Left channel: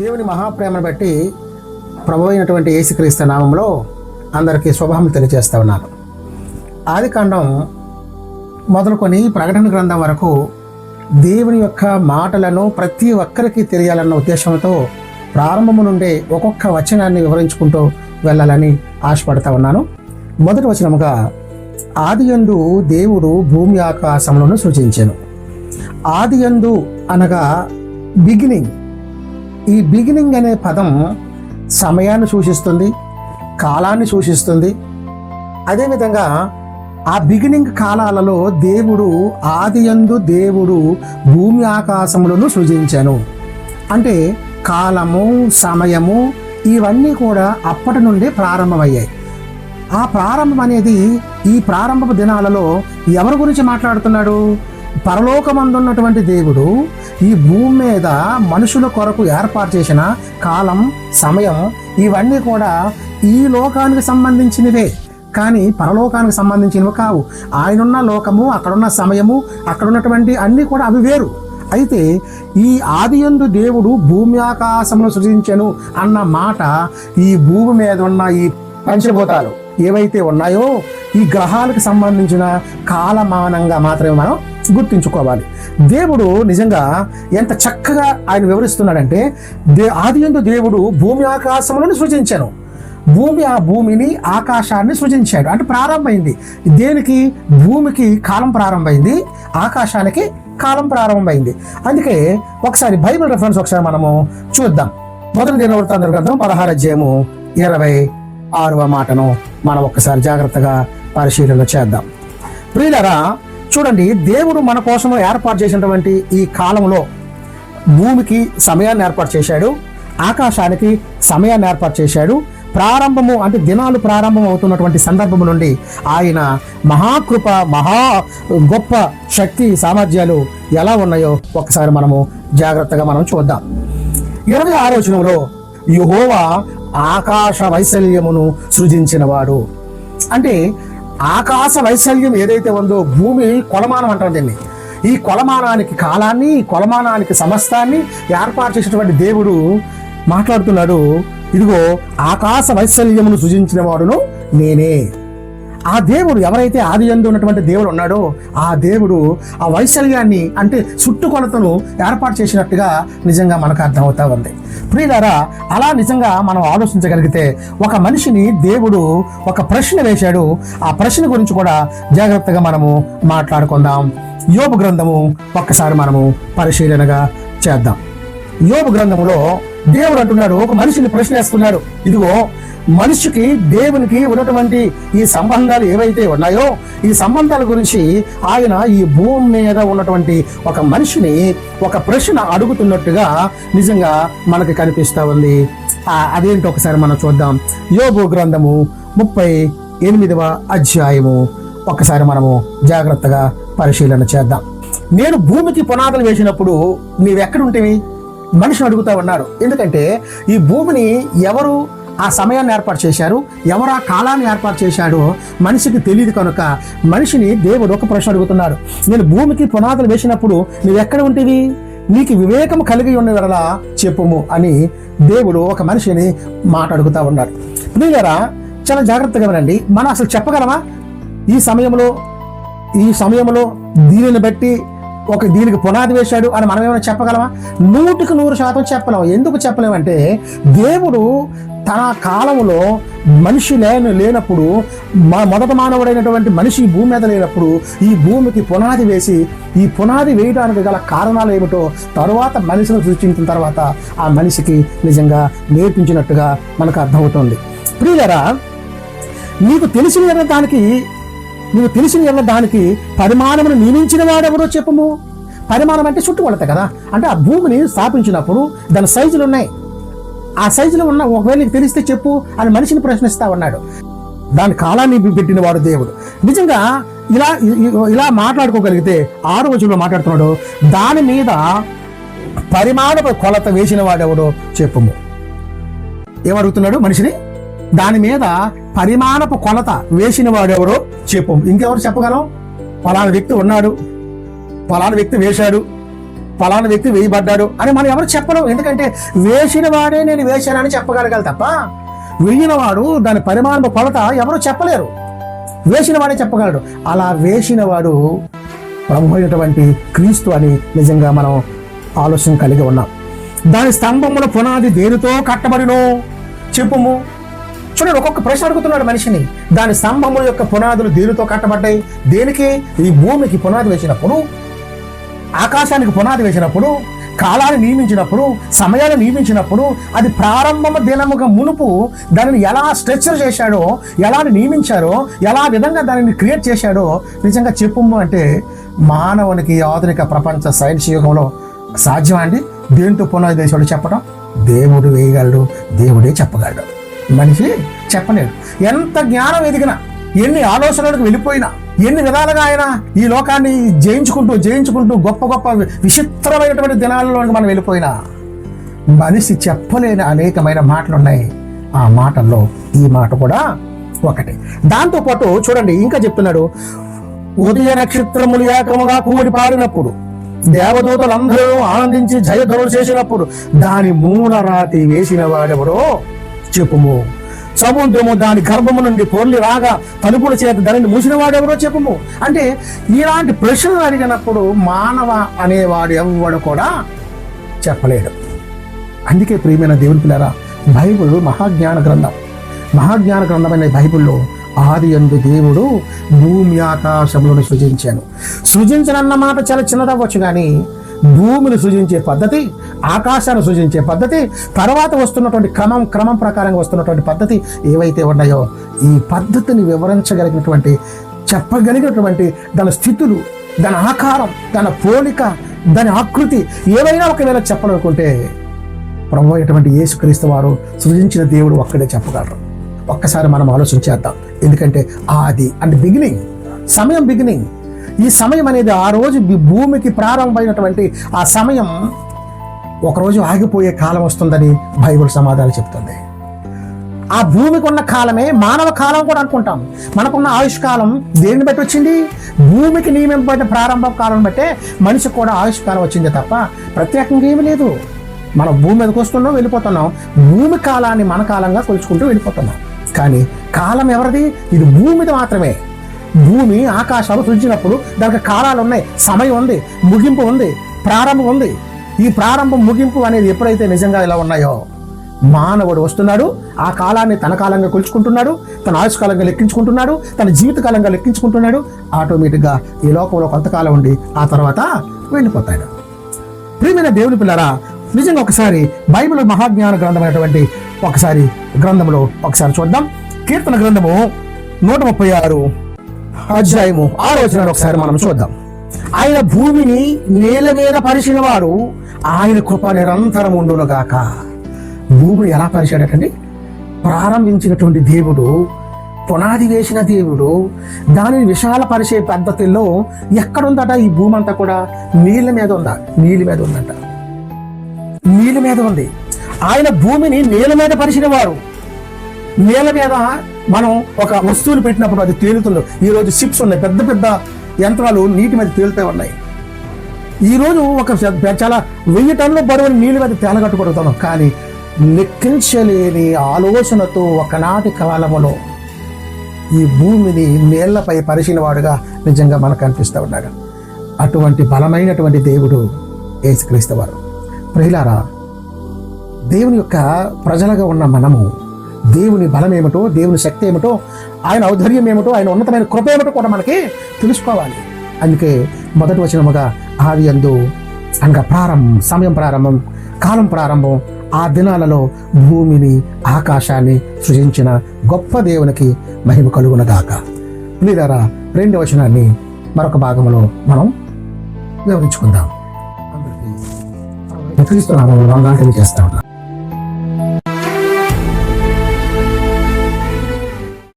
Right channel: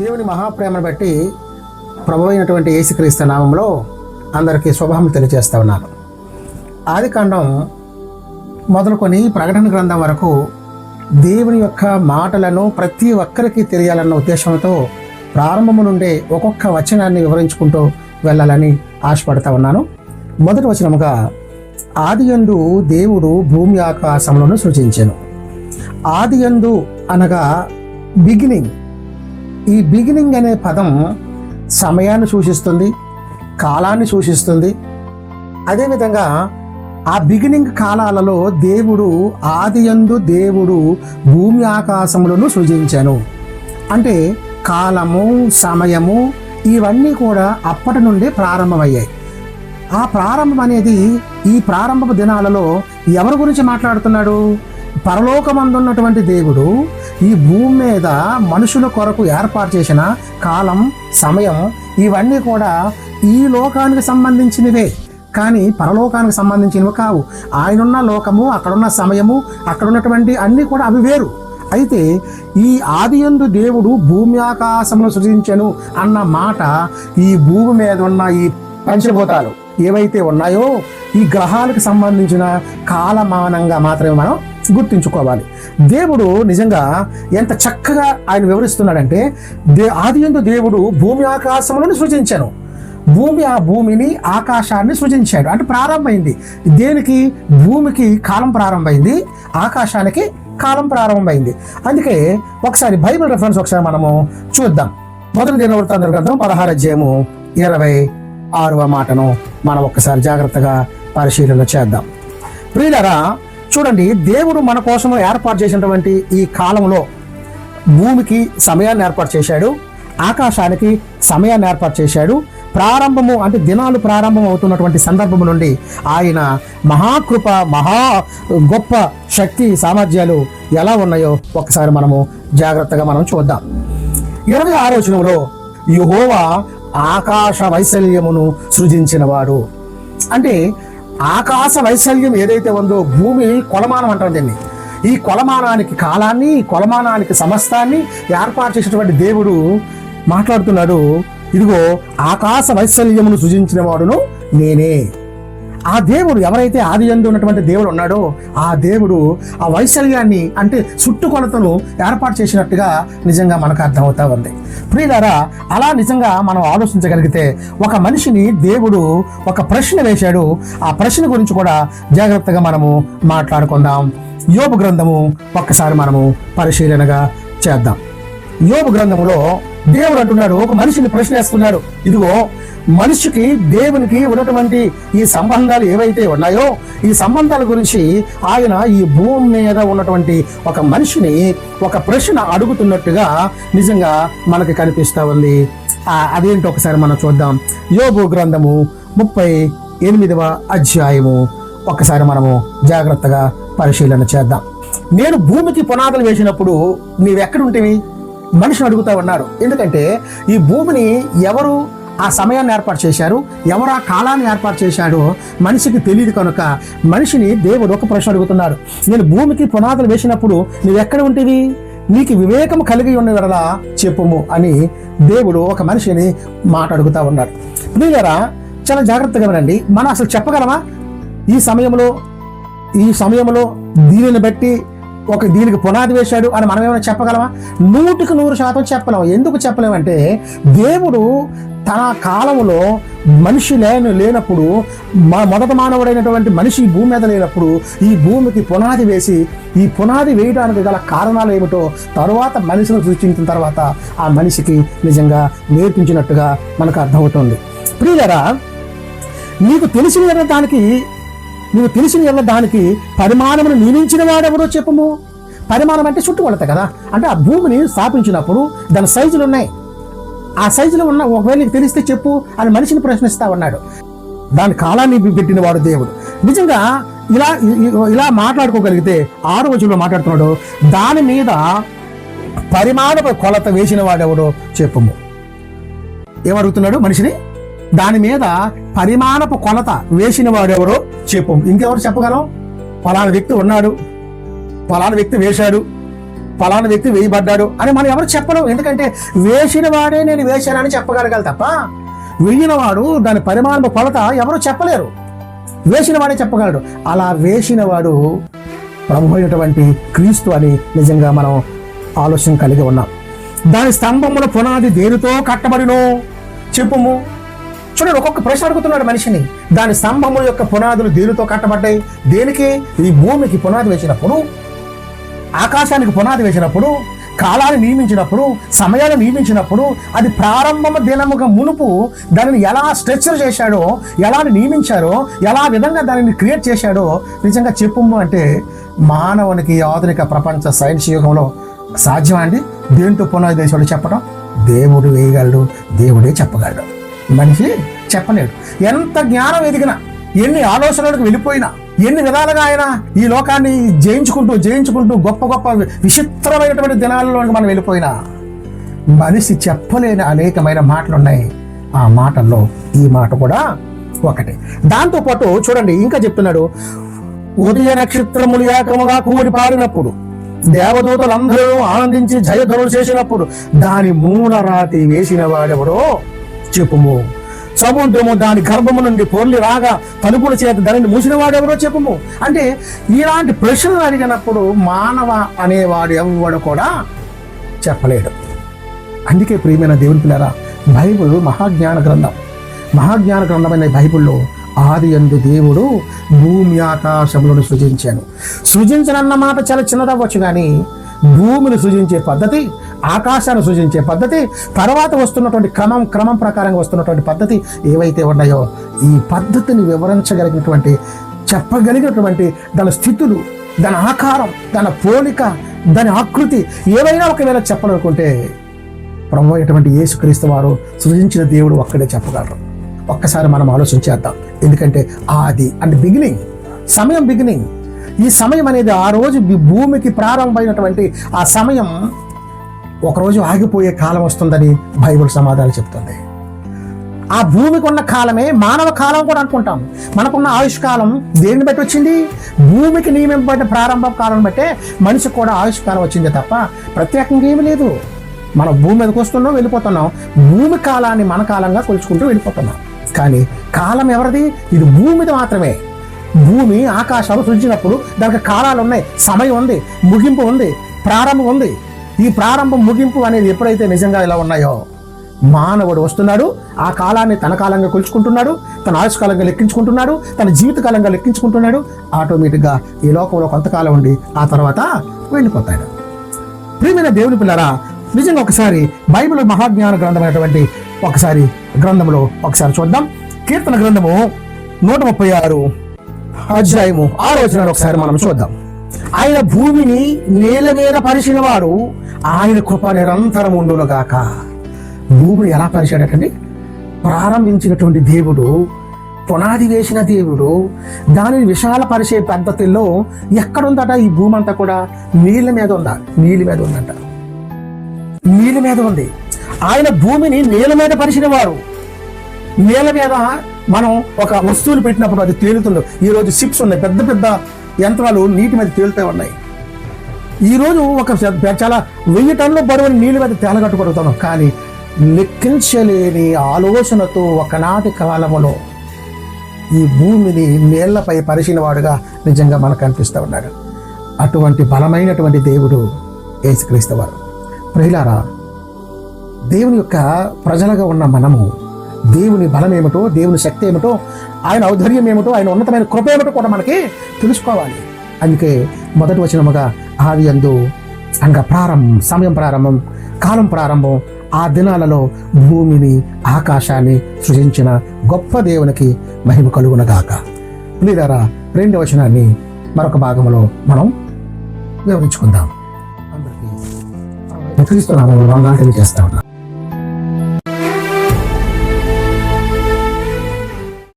దేవుని మహాప్రేమను బట్టి ప్రభు అయినటువంటి యేసుక్రీస్తు నామంలో అందరికీ శుభములు తెలియజేస్తా ఉన్నాను. ఆదికాండం మొదలుకొని ప్రకటన గ్రంథం వరకు దేవుని యొక్క మాటలను ప్రతి ఒక్కరికి తెలియాలన్న ఉద్దేశంతో ప్రారంభము నుండే ఒక్కొక్క వచనాన్ని వివరించుకుంటూ వెళ్ళాలని ఆశపడతా ఉన్నాను. మొదటి వచనముగా, ఆదియందు దేవుడు భూమి ఆకాశములను సృజించెను. ఆదియందు అనగా బిగినింగ్. ఈ బిగినింగ్ అనే పదం సమయాన్ని సూచిస్తుంది, కాలాన్ని సూచిస్తుంది. అదేవిధంగా ఆ బిగినింగ్ కాలాలలో దేవుడు ఆదియందు దేవుడు భూమి ఆకాశములను సృజించెను అంటే కాలము, సమయము ఇవన్నీ కూడా అప్పటి నుండే ప్రారంభమయ్యాయి. ఆ ప్రారంభం అనేది ఈ ప్రారంభపు దినాలలో ఎవరి గురించి మాట్లాడుతున్నాడు? పరలోకమందున్నటువంటి దేవుడు ఈ భూమి మీద మనుషుల కొరకు ఏర్పాటు చేసిన కాలం, సమయం ఇవన్నీ కూడా ఈ లోకానికి సంబంధించినవే, కానీ పరలోకానికి సంబంధించినవి కావు. ఆయనున్న లోకము, అక్కడున్న సమయము, అక్కడున్నటువంటి అన్నీ కూడా అవి వేరు. అయితే ఈ ఆదియందు దేవుడు భూమి ఆకాశమును సృజించెను అన్న మాట ఈ భూమి మీద ఉన్న ఈ పంచభూతాలు ఏవైతే ఉన్నాయో ఈ గ్రహాలకు సంబంధించిన కాలమానంగా మాత్రమే మనం గుర్తించుకోవాలి. దేవుడు నిజంగా ఎంత చక్కగా ఆయన వివరిస్తున్నాడంటే, ఆదియందు దేవుడు భూమి ఆకాశములను సృజించెను. భూమిని ఆకాశాన్ని సృజించాడు అంటే ప్రారంభమైంది. దేనికి? భూమికి కాలం ప్రారంభమైంది, ఆకాశానికి కాలం ప్రారంభమైంది. అందుకే ఒకసారి బైబిల్ రెఫరెన్స్ ఒకసారి మనము చూద్దాం. మొదటి దినవృత్తాంతముల గ్రంథం 16వ అధ్యాయము 26వ మాటను మనం ఒక్కసారి జాగ్రత్తగా పరిశీలన చేద్దాం. ప్రియులారా, చూడండి, దేవుడు మన కోసం ఏర్పాటు చేసినటువంటి ఈ కాలంలో భూమికి సమయాన్ని ఏర్పాటు చేశాడు, ఆకాశానికి సమయాన్ని ఏర్పాటు చేశాడు. ప్రారంభము అంటే దినాలు ప్రారంభం అవుతున్నటువంటి సందర్భము నుండి ఆయన మహాకృప, మహా గొప్ప శక్తి, సామర్థ్యాలు ఎలా ఉన్నాయో ఒకసారి మనము జాగ్రత్తగా మనం చూద్దాం. 26వ వచనంలో, యెహోవా ఆకాశ వైశాల్యమును సృజించినవాడు అంటే ఆకాశ వైశాల్యం ఏదైతే ఉందో, భూమి కొలమానం అంటాం దీన్ని. ఈ కొలమానానికి కాలాన్ని, కొలమానానికి సమస్తాన్ని ఏర్పాటు చేసినటువంటి దేవుడు మాట్లాడుతున్నాడు. ఇదిగో ఆకాశ వైశాల్యమును సృజించిన వాడును నేనే. ఆ దేవుడు ఎవరైతే ఆదియందు ఉన్నటువంటి దేవుడు ఉన్నాడో ఆ దేవుడు ఆ వైశాల్యాన్ని అంటే చుట్టుకొలతను ఏర్పాటు చేసినట్టుగా నిజంగా మనకు అర్థమవుతా ఉంది. ప్రియులారా, అలా నిజంగా మనం ఆలోచించగలిగితే ఒక మనిషిని దేవుడు ఒక ప్రశ్న వేశాడు. ఆ ప్రశ్న గురించి కూడా జాగ్రత్తగా మనము మాట్లాడుకుందాం. యోబు గ్రంథము ఒక్కసారి మనము పరిశీలనగా చేద్దాం. యోబు గ్రంథములో దేవుడు అంటున్నాడు, ఒక మనిషిని ప్రశ్న వేస్తున్నారు. ఇదిగో మనిషికి దేవునికి ఉన్నటువంటి ఈ సంబంధాలు ఏవైతే ఉన్నాయో ఈ సంబంధాల గురించి ఆయన ఈ భూమి మీద ఉన్నటువంటి ఒక మనిషిని ఒక ప్రశ్న అడుగుతున్నట్టుగా నిజంగా మనకి కనిపిస్తా ఉంది. అదేంటో ఒకసారి మనం చూద్దాం. యోబు గ్రంథము 38వ అధ్యాయము ఒకసారి మనము జాగ్రత్తగా పరిశీలన చేద్దాం. నేను భూమికి పునాదులు వేసినప్పుడు నీవెక్కడుంటివి? మనిషిని అడుగుతా ఉన్నారు. ఎందుకంటే ఈ భూమిని ఎవరు ఆ సమయాన్ని ఏర్పాటు చేశారు, ఎవరు ఆ కాలాన్ని ఏర్పాటు చేశాడో మనిషికి తెలియదు కనుక మనిషిని దేవుడు ఒక ప్రశ్న అడుగుతున్నారు. నేను భూమికి పునాదులు వేసినప్పుడు నువ్వు ఎక్కడ ఉంటివి? నీకు వివేకం కలిగి ఉన్న వరలా చెప్పుము అని దేవుడు ఒక మనిషిని మాట అడుగుతా ఉన్నాడు. ప్రియులారా, చాలా జాగ్రత్తగా వినండి. మనం అసలు చెప్పగలమా ఈ సమయంలో దీనిని బట్టి దీనికి పునాది వేశాడు అని మనం ఏమైనా చెప్పగలమా? 100% చెప్పలేము. ఎందుకు చెప్పలేమంటే దేవుడు తన కాలంలో మనిషి లేనప్పుడు, మొదట మానవుడైనటువంటి మనిషి ఈ భూమి మీద లేనప్పుడు ఈ భూమికి పునాది వేసి ఈ పునాది వేయడానికి గల కారణాలు ఏమిటో తరువాత మనిషిని సృష్టించిన తర్వాత ఆ మనిషికి నిజంగా నేర్పించినట్టుగా మనకు అర్థమవుతుంది. ప్రియులారా, నీకు తెలిసిన దానికి పరిమాణమును నియమించిన వాడెవరో చెప్పము. పరిమాణం అంటే చుట్టుకొలత కదా. అంటే ఆ భూమిని స్థాపించినప్పుడు దాని సైజులు ఉన్నాయి. ఆ సైజులో ఉన్న ఒకవేళ నీకు తెలిస్తే చెప్పు అని మనిషిని ప్రశ్నిస్తా ఉన్నాడు. దాని కాలాన్ని పెట్టిన వాడు దేవుడు. నిజంగా ఇలా మాట్లాడుకోగలిగితే 6వ వచనంలో మాట్లాడుతున్నాడు, దాని మీద పరిమాణపు కొలత వేసిన వాడెవడో చెప్పము. ఏమడుగుతున్నాడు మనిషిని? దాని మీద పరిమాణపు కొలత వేసిన వాడెవరో చెప్పు. ఇంకెవరు చెప్పగలం? ఫలానా వ్యక్తి ఉన్నాడు, ఫలానా వ్యక్తి వేశాడు, ఫలానా వ్యక్తి వేయబడ్డాడు అని మనం ఎవరు చెప్పలేం. ఎందుకంటే వేసిన వాడే నేను వేశానని చెప్పగలగాలి తప్ప వేయిన వాడు దాని పరిమాణ కొలత ఎవరు చెప్పలేరు. వేసిన వాడే చెప్పగలడు. అలా వేసిన వాడు ప్రభు అయినటువంటి క్రీస్తు అని నిజంగా మనం ఆలోచన కలిగి ఉన్నాం. దాని స్తంభముల పునాది దేనితో కట్టబడడు చెప్పుము. చూడండి, ఒక్కొక్క ప్రశ్న అడుగుతున్నాడు మనిషిని. దాని స్తంభముల యొక్క పునాదులు దేనితో కట్టబడ్డాయి? దేనికి? ఈ భూమికి పునాది వేసినప్పుడు, ఆకాశానికి పునాది వేసినప్పుడు, కాలాన్ని నియమించినప్పుడు, సమయాన్ని నియమించినప్పుడు, అది ప్రారంభమ దినముగా మునుపు దానిని ఎలా స్ట్రక్చర్ చేశాడో, ఎలా నియమించారో, ఎలా విధంగా దానిని క్రియేట్ చేశాడో నిజంగా చెప్పుము అంటే మానవునికి ఆధునిక ప్రపంచ సైన్స్ యుగంలో సాధ్యం అండి? దేంతో పునాది వేశాడో చెప్పడం దేవుడు వేయగలడు, దేవుడే చెప్పగలడు, మనిషి చెప్పలేడు. ఎంత జ్ఞానం ఎదిగినా, ఎన్ని ఆలోచనలకు వెళ్ళిపోయినా, ఎన్ని విధాలుగా ఆయన ఈ లోకాన్ని జయించుకుంటూ గొప్ప గొప్ప విచిత్రమైనటువంటి దినాలలోకి మనం వెళ్ళిపోయినా మనిషి చెప్పలేని అనేకమైన మాటలు ఉన్నాయి. ఆ మాటల్లో ఈ మాట కూడా ఒకటి. దాంతోపాటు చూడండి, ఇంకా చెప్తున్నాడు, ఉదయ నక్షత్రములు ఏకముగా కుమ్మడి పారినప్పుడు, దేవదూతలందరూ ఆనందించి జయధ్వనులు చేసినప్పుడు దాని మూలరాతి వేసిన వాడెవడో చెప్పుము. సముద్రము దాని గర్భము నుండి పొండి రాగా తలుపుల చేత దానిని మూసిన వాడెవరో చెప్పుము. అంటే ఇలాంటి ప్రశ్నలు అడిగినప్పుడు మానవ అనేవాడు ఎవడు కూడా చెప్పలేడు. అందుకే ప్రియమైన దేవుని పిల్లరా, బైబిల్ మహాజ్ఞాన గ్రంథమైన బైబిల్లో ఆది యందు దేవుడు భూమి ఆకాశములను సృజించనన్న మాట చాలా చిన్నదవ్వచ్చు, కానీ భూమిని సృజించే పద్ధతి, ఆకాశాన్ని సృజించే పద్ధతి, తర్వాత వస్తున్నటువంటి క్రమం ప్రకారంగా వస్తున్నటువంటి పద్ధతి ఏవైతే ఉన్నాయో ఈ పద్ధతిని వివరించగలిగినటువంటి, చెప్పగలిగినటువంటి దాని స్థితులు, దాని ఆకారం, దాని పోలిక, దాని ఆకృతి ఏవైనా ఒకవేళ చెప్పాలనుకుంటే ప్రభు అయినటువంటి యేసుక్రీస్తు వారు సృజించిన దేవుడు ఒక్కడే చెప్పగలరు. ఒక్కసారి మనం ఆలోచన చేద్దాం. ఎందుకంటే ఆది అంటే బిగినింగ్. ఈ సమయం అనేది ఆ రోజు భూమికి ప్రారంభమైనటువంటి ఆ సమయం ఒకరోజు ఆగిపోయే కాలం వస్తుందని బైబిల్ సమాధానం చెప్తుంది. ఆ భూమికి ఉన్న కాలమే మానవ కాలం కూడా అనుకుంటాం. మనకున్న ఆయుష్కాలం దేన్ని బట్టి వచ్చింది? భూమికి నియమింపబడిన ప్రారంభ కాలం బట్టే మనిషికి కూడా ఆయుష్కాలం వచ్చింది తప్ప ప్రత్యేకంగా ఏమీ లేదు. మనం భూమి మీదకి వస్తున్నాం, వెళ్ళిపోతున్నాం. భూమి కాలాన్ని మన కాలంగా కొలుచుకుంటూ వెళ్ళిపోతున్నాం. కానీ కాలం ఎవరిది? ఇది భూమిది మాత్రమే. భూమి ఆకాశాలు సృజించినప్పుడు దానికి కాలాలు ఉన్నాయి, సమయం ఉంది, ముగింపు ఉంది, ప్రారంభం ఉంది. ఈ ప్రారంభం ముగింపు అనేది ఎప్పుడైతే నిజంగా ఇలా ఉన్నాయో మానవుడు వస్తున్నాడు, ఆ కాలాన్ని తన కాలంగా కొలుచుకుంటున్నాడు, తన ఆయుష్కాలంగా లెక్కించుకుంటున్నాడు, తన జీవితకాలంగా లెక్కించుకుంటున్నాడు. ఆటోమేటిక్గా ఈ లోకంలో కొంతకాలం ఉండి ఆ తర్వాత వెళ్ళిపోతాడు. ప్రియమైన దేవుని పిల్లరా, నిజంగా ఒకసారి బైబిల్ మహాజ్ఞాన గ్రంథమైనటువంటి గ్రంథంలో ఒకసారి చూద్దాం. కీర్తన గ్రంథము 136 అధ్యాయము 6వ వచనాన్ని ఒకసారి మనం చూద్దాం. ఆయన భూమిని నేల మీద పరిచిన వాడు, ఆయన కృప నిరంతరం ఉండును గాక. భూమిని ఎలా పరిచాడటండి? ప్రారంభించినటువంటి దేవుడు, పునాది వేసిన దేవుడు దానిని విశాల పరిచే పద్ధతుల్లో ఎక్కడుందట? ఈ భూమి అంతా కూడా నీళ్ళ మీద ఉంది. ఆయన భూమిని నీళ్ళ మీద పరిచిన వారు. నీళ్ళ మీద మనం ఒక వస్తువులు పెట్టినప్పుడు అది తేలుతుంది. ఈరోజు షిప్స్ ఉన్నాయి, పెద్ద పెద్ద యంత్రాలు నీటి మీద తేలుతూ ఉన్నాయి. ఈరోజు ఒక చాలా 1000 టన్నుల బరువుని నీళ్ళ మీద తేలగట్టుకొడుతున్నాం. కానీ లెక్కించలేని ఆలోచనతో ఒకనాటి కాలములో ఈ భూమిని నీళ్లపై పరిచిన వాడుగా నిజంగా మనకు కనిపిస్తూ ఉన్నాడు. అటువంటి బలమైనటువంటి దేవుడు యేసుక్రీస్తు వారు. ప్రియులారా, దేవుని యొక్క ప్రజలుగా ఉన్న మనము దేవుని బలం ఏమిటో, దేవుని శక్తి ఏమిటో, ఆయన ఔదార్యం ఏమిటో, ఆయన ఉన్నతమైన కృప ఏమిటో కూడా మనకి తెలుసుకోవాలి. అందుకే మొదటి వచనముగా ఆది యందు అనగా సమయం ప్రారంభం, కాలం ప్రారంభం, ఆ దినాలలో భూమిని ఆకాశాన్ని సృజించిన గొప్ప దేవునికి మహిమ కలుగునగాక. లేదా 2వ వచనాన్ని మరొక భాగంలో మనం వివరించుకుందాం. అందరికీ క్రీస్తు నామములో వందనాలు తెలియజేస్తా ఉన్నాను.